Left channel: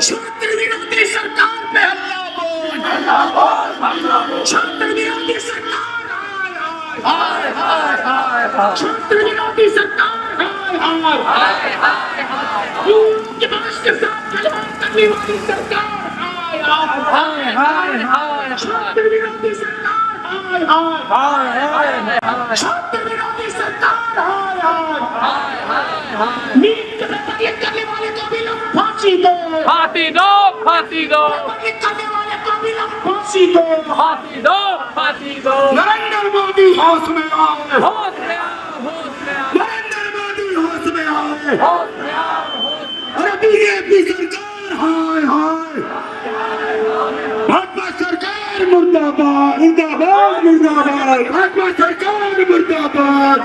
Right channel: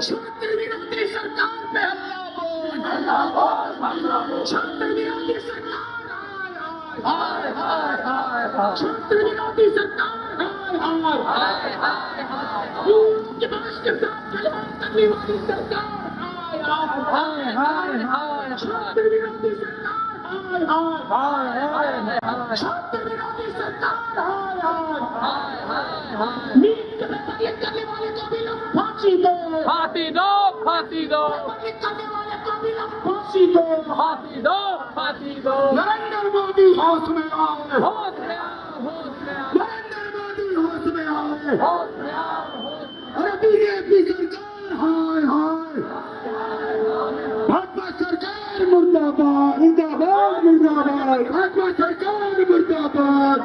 छात्र विरोधी सरकार पे हल्ला बोल, छात्र विरोधी सरकार हाय हाय हाय, छात्र विरोधी सरकार हाय हाय, के पास के साथ गलबान करने वाली सरकार हाय हाय, छात्र विरोधी सरकार हाय हाय, छात्र विरोधी सरकार हाय, नीट के पेपर लीक करने वाले को भी लोग फांसी दो, फांसी दो, फांसी दो, पेपर लीक करने वाले को भी लोग फांसी दो, फांसी दो, फांसी दो। नरेंद्र मोदी होश में आओ, होश में आओ, होश में आओ, नरेंद्र मोदी होश में आओ, होश में आओ, अरे बीजेपी सरकार हाय हाय, भाजपा सरकार मुर्दाबाद मुर्दाबाद मुर्दाबाद, भाजपा सरकार मुर्दाबाद,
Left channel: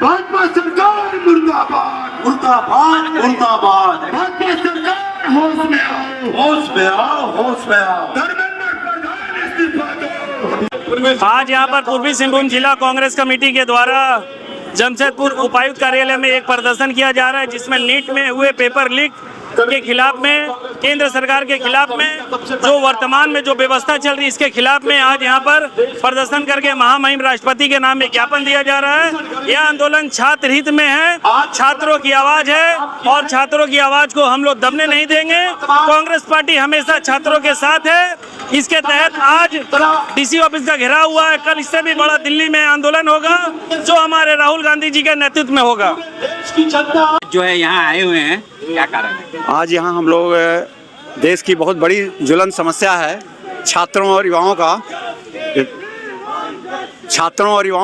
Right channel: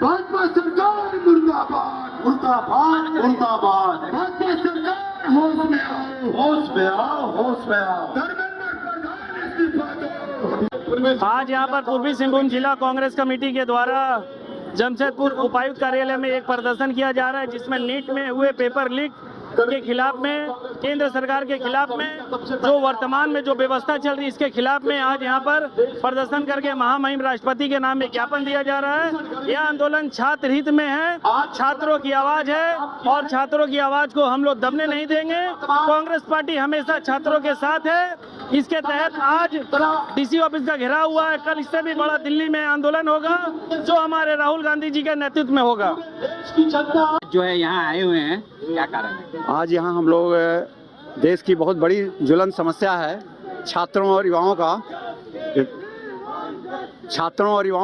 भाजपा सरकार मुर्दाबाद मुर्दाबाद मुर्दाबाद, भाजपा सरकार होश में आओ, होश में आओ, होश में आओ, धर्मेंद्र प्रधान इस्तीफा दो। आज यहाँ पर पूर्वी सिंहभूम जिला कांग्रेस कमेटी के द्वारा जमशेदपुर उपायुक्त कार्यालय में एक प्रदर्शन किया जा रहा है, जिसमें नीट में हुए पेपर लीक के खिलाफ में, केंद्र सरकार के खिलाफ में, जो वर्तमान में जो व्यवस्था चल रही है इसके खिलाफ में आज यहाँ पर प्रदर्शन करके महामहिम राष्ट्रपति के नाम में ज्ञापन दिया जा रहा है। यह आंदोलन छात्र हित में है, छात्रों की आवाज है और छात्रों की आवाज को हम लोग दबने नहीं देंगे। कांग्रेस पार्टी हमेशा छात्रों के साथ है। इसके तहत आज डीसी ऑफिस का घेराव हुआ है। कल इससे भी बड़ा दिल्ली में आंदोलन होगा जो हमारे राहुल गांधी जी के नेतृत्व में होगा। जो है यहाँ आए हुए हैं, क्या कारण है? आज यहाँ हम लोग देश की बहुत बड़ी ज्वलन समस्या है छात्रों और युवाओं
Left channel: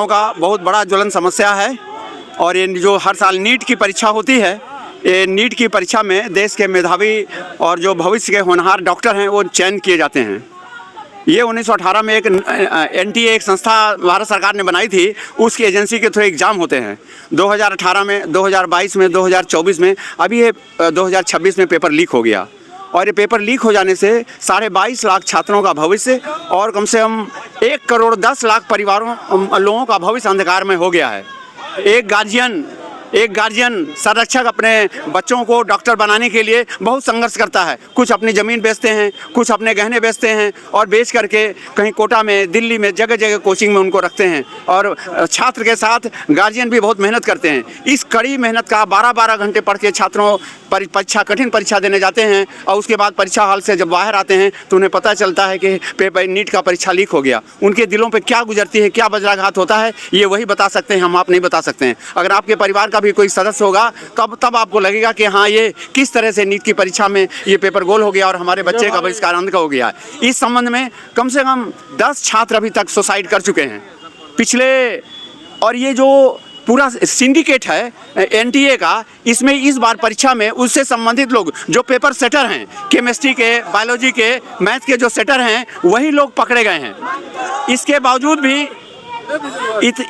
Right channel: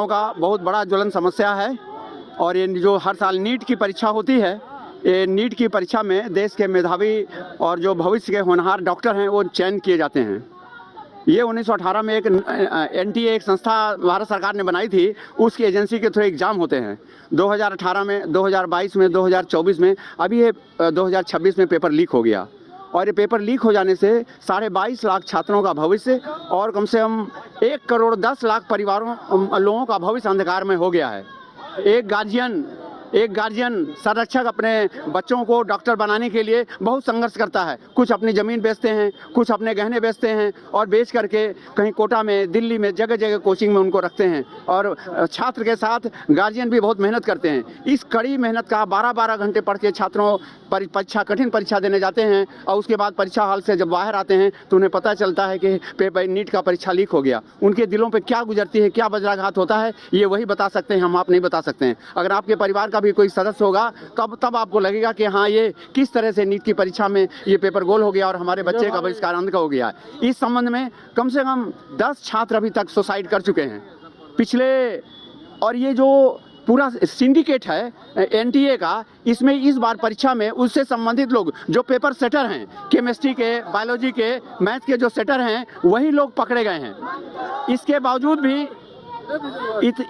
का बहुत बड़ा ज्वलन समस्या है। और ये जो हर साल नीट की परीक्षा होती है, ये नीट की परीक्षा में देश के मेधावी और जो भविष्य के होनहार डॉक्टर हैं वो चयन किए जाते हैं। ये 1918 में एक NTA एक संस्था भारत सरकार ने बनाई थी, उसकी एजेंसी के थ्रू एग्ज़ाम होते हैं। 2018 में, 2022 में, 2024 में, अभी ये 2026 में पेपर लीक हो गया। और ये पेपर लीक हो जाने से 22.5 लाख छात्रों का भविष्य और कम से कम 1 करोड़ 10 लाख परिवारों लोगों का भविष्य अंधकार में हो गया है। एक गार्जियन संरक्षक अपने बच्चों को डॉक्टर बनाने के लिए बहुत संघर्ष करता है। कुछ अपनी ज़मीन बेचते हैं, कुछ अपने गहने बेचते हैं और बेच करके कहीं कोटा में, दिल्ली में, जगह जगह कोचिंग में उनको रखते हैं। और छात्र के साथ गार्जियन भी बहुत मेहनत करते हैं। इस कड़ी मेहनत का 12-12 घंटे पढ़ के छात्रों परीक्षा, कठिन परीक्षा देने जाते हैं और उसके बाद परीक्षा हॉल से जब बाहर आते हैं तो उन्हें पता चलता है कि पेपर नीट का परीक्षा लीक हो गया। उनके दिलों पे क्या गुजरती है, क्या वज्राघात होता है, ये वही बता सकते हैं, हम आप नहीं बता सकते हैं। अगर आपके परिवार का भी कोई सदस्य होगा तब आपको लगेगा कि हाँ, ये किस तरह से नीट की परीक्षा में ये पेपर गोल हो गया और हमारे बच्चे का बहिष्कार अंध का हो गया। इस संबंध में कम से कम 10 छात्र अभी तक सुसाइड कर चुके हैं पिछले। और ये जो पूरा सिंडिकेट है NTA का, इसमें इस बार परीक्षा में उससे संबंधित लोग जो पेपर सेटर हैं, केमिस्ट्री के, बायोलॉजी के, मैथ के जो सेटर हैं, वही लोग पकड़े गए हैं। इसके बावजूद भी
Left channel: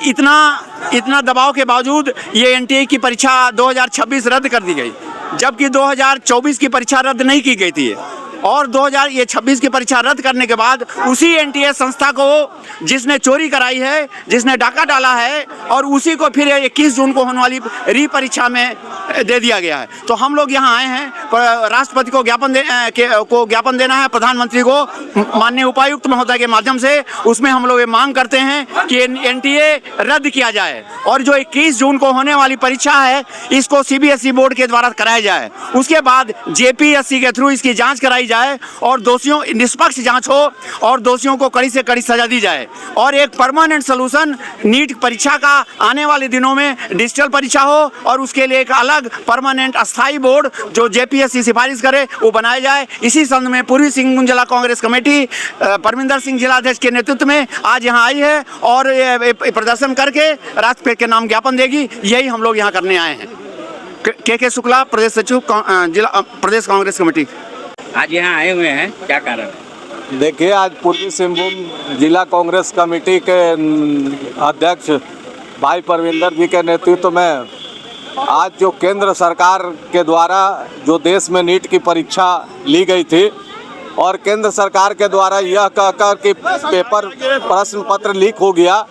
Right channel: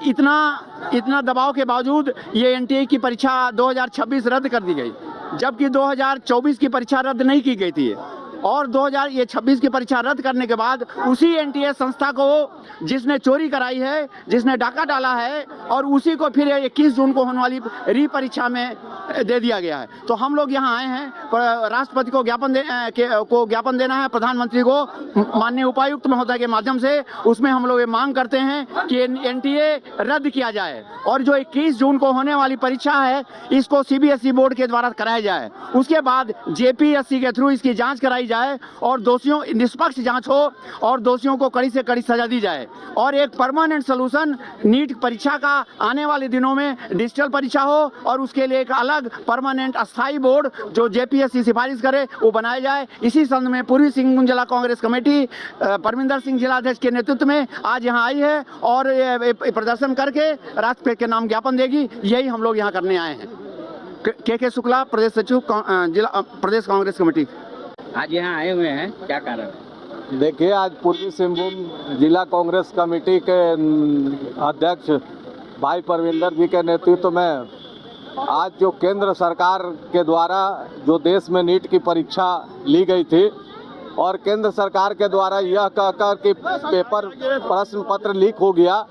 इतना दबाव के बावजूद ये NTA की परीक्षा 2026 रद्द कर दी गई, जबकि 2024 की परीक्षा रद्द नहीं की गई थी। और 2026 की परीक्षा रद्द करने के बाद उसी NTA संस्था को, जिसने चोरी कराई है, जिसने डाका डाला है, और उसी को फिर 21 जून को होने वाली री परीक्षा में दे दिया गया है। तो हम लोग यहाँ आए हैं राष्ट्रपति को ज्ञापन देना है, प्रधानमंत्री को, माननीय उपायुक्त महोदय के माध्यम से। उसमें हम लोग ये मांग करते हैं कि NTA रद्द किया जाए और जो 21 जून को होने वाली परीक्षा है इसको CBSE बोर्ड के द्वारा कराया जाए। उसके बाद JPSC के थ्रू इसकी जाँच कराई जाए और दोषियों निष्पक्ष जांच हो और दोषियों को कड़ी से कड़ी सजा दी जाए। और एक परमानेंट सलूशन नीट परीक्षा का आने वाले दिनों में डिजिटल परीक्षा हो और उसके लिए एक अलग परमानेंट अस्थाई बोर्ड जो JPSC सिफारिश करे वो बनाया जाए। इसी संबंध में पूर्वी सिंहभूम जिला कांग्रेस कमेटी परमिंदर सिंह जिलाध्यक्ष के नेतृत्व में आज यहाँ आई है और प्रदर्शन करके राष्ट्रपति के नाम ज्ञापन देगी। यही हम लोग यहाँ करने आए हैं। के शुक्ला, प्रदेश सचिव, जिला प्रदेश कांग्रेस कमेटी। आज यहाँ आए हुए हैं, क्या कारण है? देखिए, आज पूर्वी सिंहभूम जिला कांग्रेस कमेटी के अध्यक्ष भाई परविंदर जी के नेतृत्व में आज जो केंद्र सरकार के द्वारा जो देश में नीट की परीक्षा ली गई थी और केंद्र सरकार के द्वारा यह कहकर कि पेपर प्रश्न पत्र लीक हो गया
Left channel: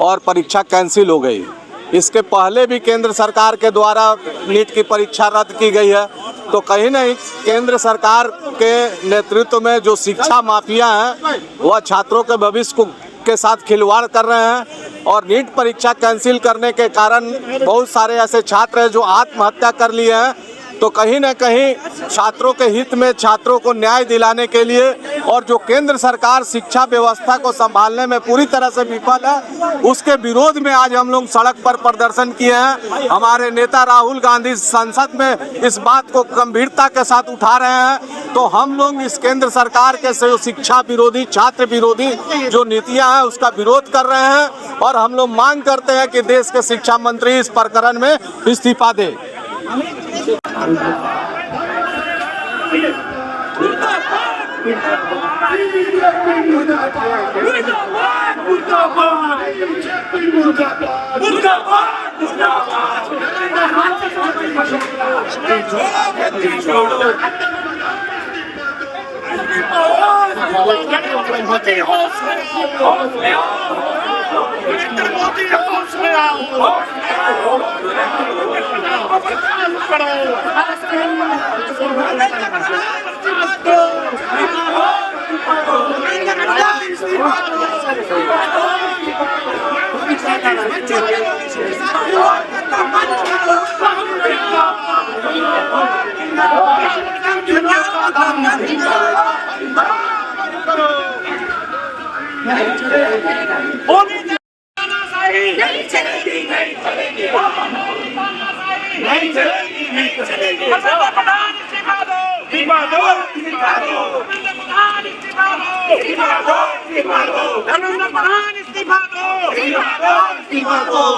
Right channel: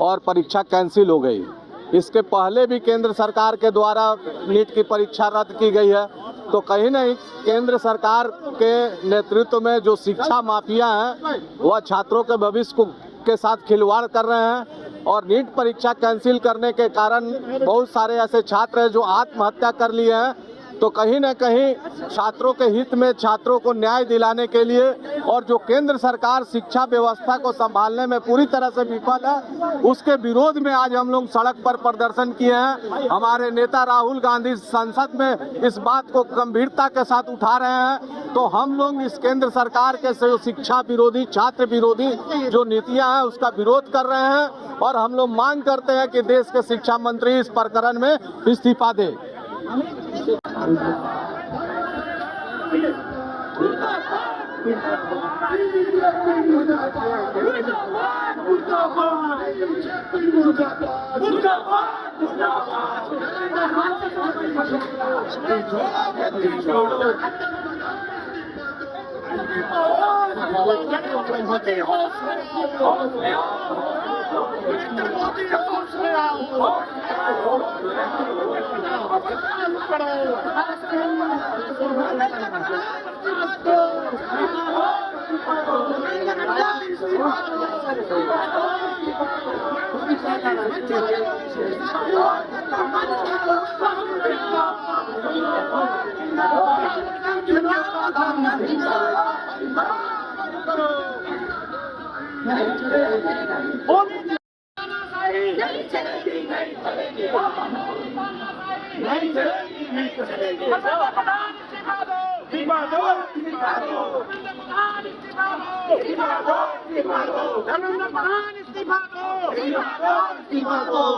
और परीक्षा कैंसिल हो गई, इसके पहले भी केंद्र सरकार के द्वारा नीट की परीक्षा रद्द की गई है। तो कहीं नहीं केंद्र सरकार के नेतृत्व में जो शिक्षा माफिया हैं वह छात्रों के भविष्य को के साथ खिलवाड़ कर रहे हैं और नीट परीक्षा कैंसिल करने के कारण बहुत सारे ऐसे छात्र हैं जो आत्महत्या कर लिए हैं। तो कहीं ना कहीं छात्रों के हित में, छात्रों को न्याय दिलाने के लिए और जो केंद्र सरकार शिक्षा व्यवस्था को संभालने में पूरी तरह से विफल है, उसके विरोध में आज हम लोग सड़क पर प्रदर्शन किए हैं। हमारे नेता राहुल गांधी संसद में इस बात को गंभीरता के साथ उठा रहे हैं। तो हम लोग इस केंद्र सरकार के जो शिक्षा विरोधी, छात्र विरोधी जो नीतियां हैं उसका विरोध कर रहे हैं और हम लोग मांग करते हैं कि देश के शिक्षा मंत्री इस प्रकरण में इस्तीफा दे।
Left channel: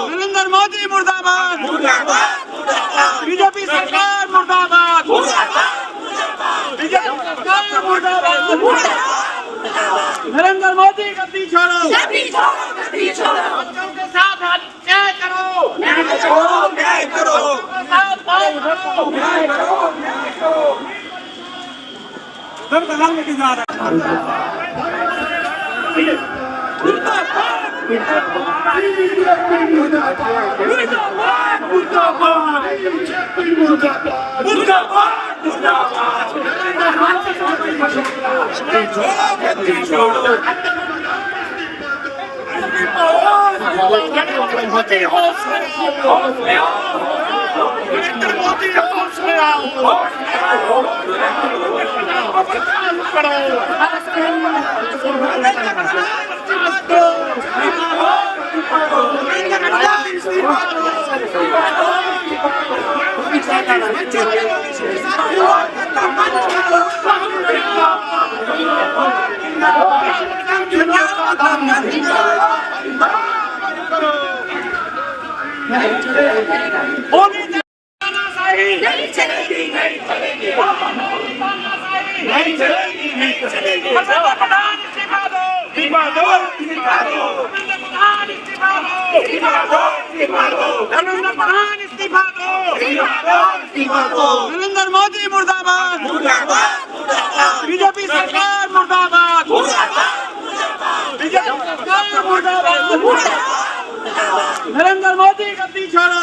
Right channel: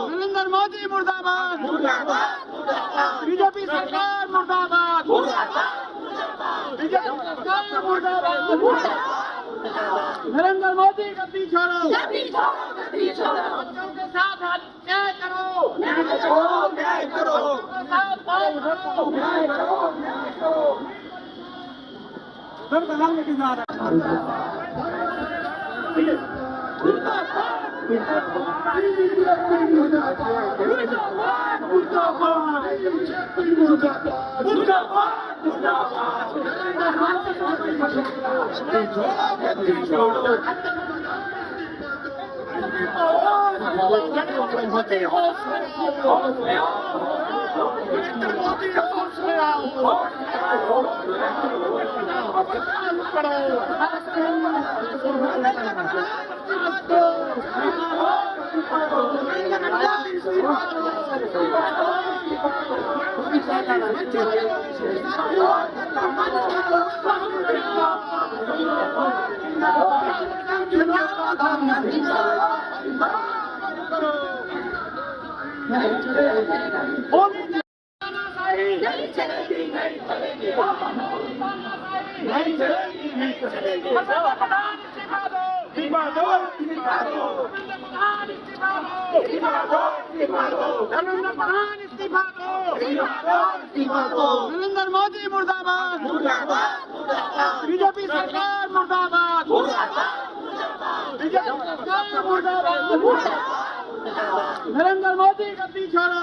नरेंद्र मोदी मुर्दाबाद, बीजेपी सरकार मुर्दाबाद, बीजेपी सरकार मुर्दाबाद, नरेंद्र मोदी गद्दी छोड़ो, बच्चों के साथ न्याय करो, न्याय करो, नरेंद्र मोदी मुर्दाबाद, बीजेपी सरकार मुर्दाबाद, बीजेपी सरकार मुर्दाबाद, नरेंद्र मोदी गद्दी छोड़ो,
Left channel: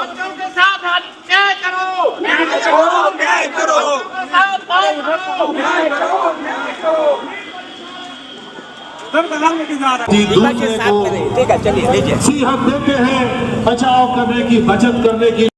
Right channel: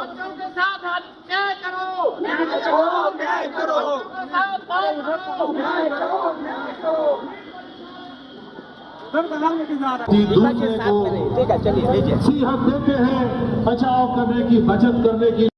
बच्चों के साथ न्याय करो, न्याय करो, दूसरे को हक देते हैं बचाव करने की, बचत करने की।